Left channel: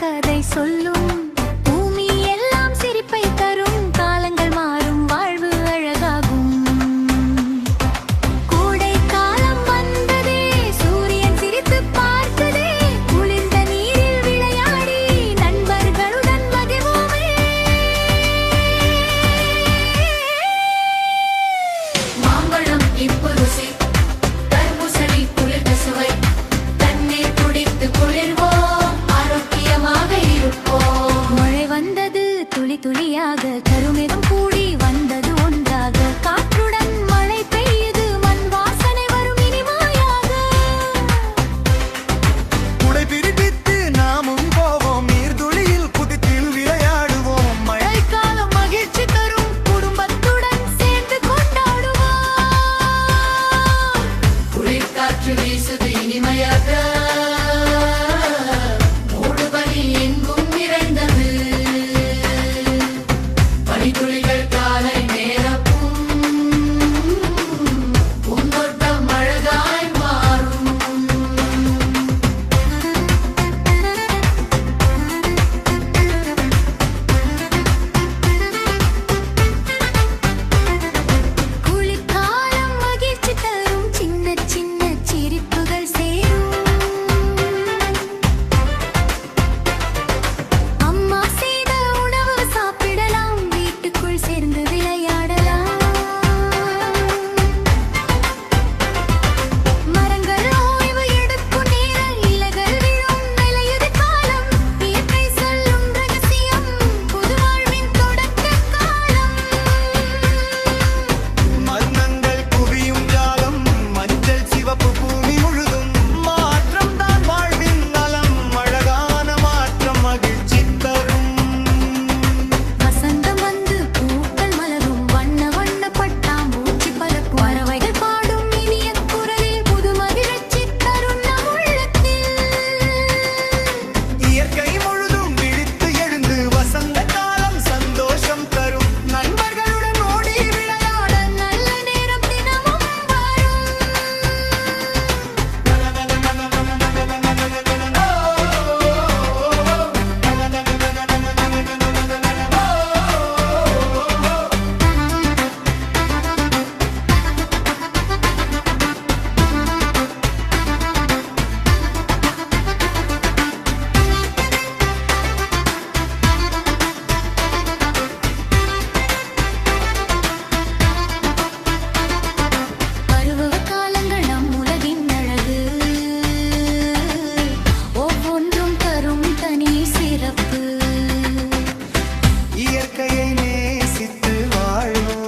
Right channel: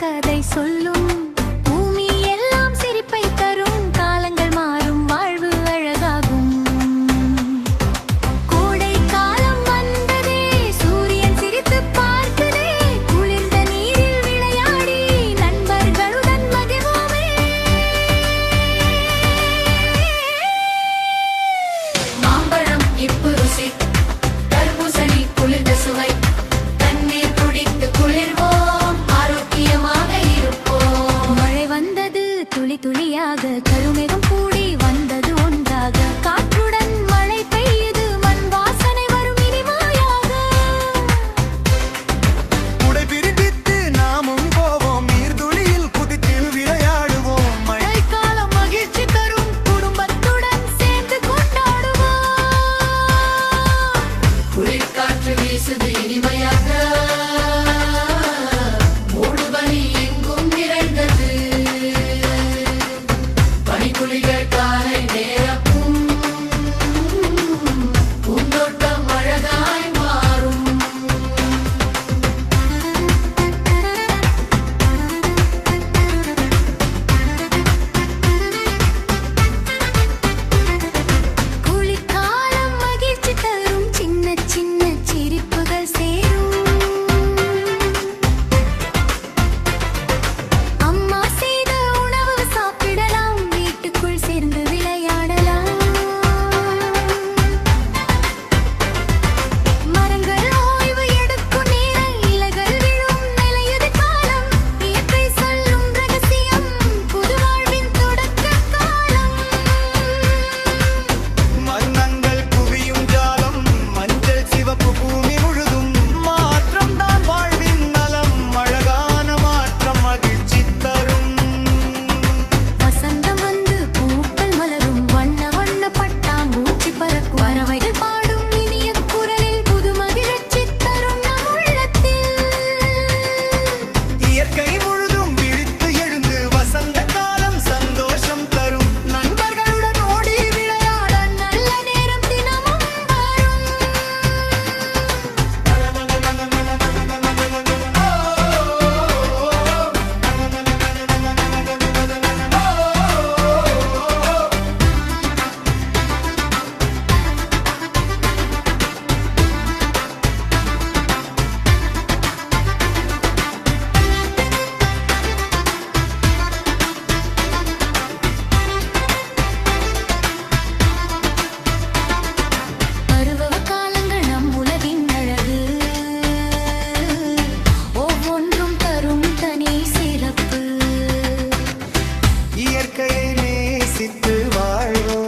கதை சொல்லும். பூமி எல்லாம் சிரிப்பை தரும். காலங்கள் மாறும், வாழ்வு அழகாகும். கோடை காலம் வந்ததே, சூரியன் சிரித்து பார்க்குதே. குளிர்ந்த நீரில் விளையாடி நண்பர்களுடன் மகிழ்வோமே. மாம்பழம் இப்பு ருசி, தர்பூசணி குளிர்ந்த சுவை. தண்ணீர் குடித்து குளிர்வோம், ஆரோக்கியமாக இருப்போம். மழை வந்தது துளி துளியாக, கருமேகம் கூடி வந்தது ஒன்றாக. காற்றுடன் மழை பெய்யுது, மண் வாசனை வரும் இனிமையாக. குடை பிரித்து நாமும் போவோம், நீர்துளியில் குதித்து விளையாடுவோம். மழைக்காலம் மகிழ்ச்சி தரும், குடும்பத்துடன் சேர்ந்து கொண்டாடுவோம். குளிர்காற்று வீசுது இனிமையாக, மூடுபனி எங்கும் நிறைந்தது. பனித்துளிகள் காலை நேரப்பும், பூந்தோட்டம் அழகாய் மாறும். குளிர்காலம் மகிழ்ச்சி தரும், சின்ன சின்ன சிரிப்புகள் சேரும். அம்மா செய்த உணவு சாப்பிடலாம், வீட்டுக்குள் சேர்ந்து விளையாடலாம். மரங்கள் ஓய்வு எடுக்கும் நேரம், இலைகள் விழும் நிலையுது காலம். இயற்கை சொல்லும் ரகசியம், புது வாழ்வின் தொடக்க காலம். மன்னங்கள் குவியும் ஜாலம், மஞ்சள் சிவப்பு பூமி முழுதும். மாற்றம் தான் வாழ்வின் நலம், அழகான மாற்றம் மகிழ்ச்சி தரும். வசந்தம் வந்து பூக்கள் மலரும், வண்ண வண்ண பட்டாம்பூச்சி பறக்கும். பறவைகள் பாடும் இனிய குரலில் புது மகிழ்ச்சி தரும் நம் உள்ளத்தில். இயற்கை முழுதும் விழித்து எழுந்து வசந்த காலம் சந்தோஷம் தரும். நண்பர்களுடன் ஓடி விளையாட நல்ல நேரம் தினமும் வரும். பருவ காலங்கள் நம் உலகின் அழகு, ஒவ்வொன்றும் தரும் தனி சிறப்பு. இயற்கையை நேசித்து வாழ்வோம்.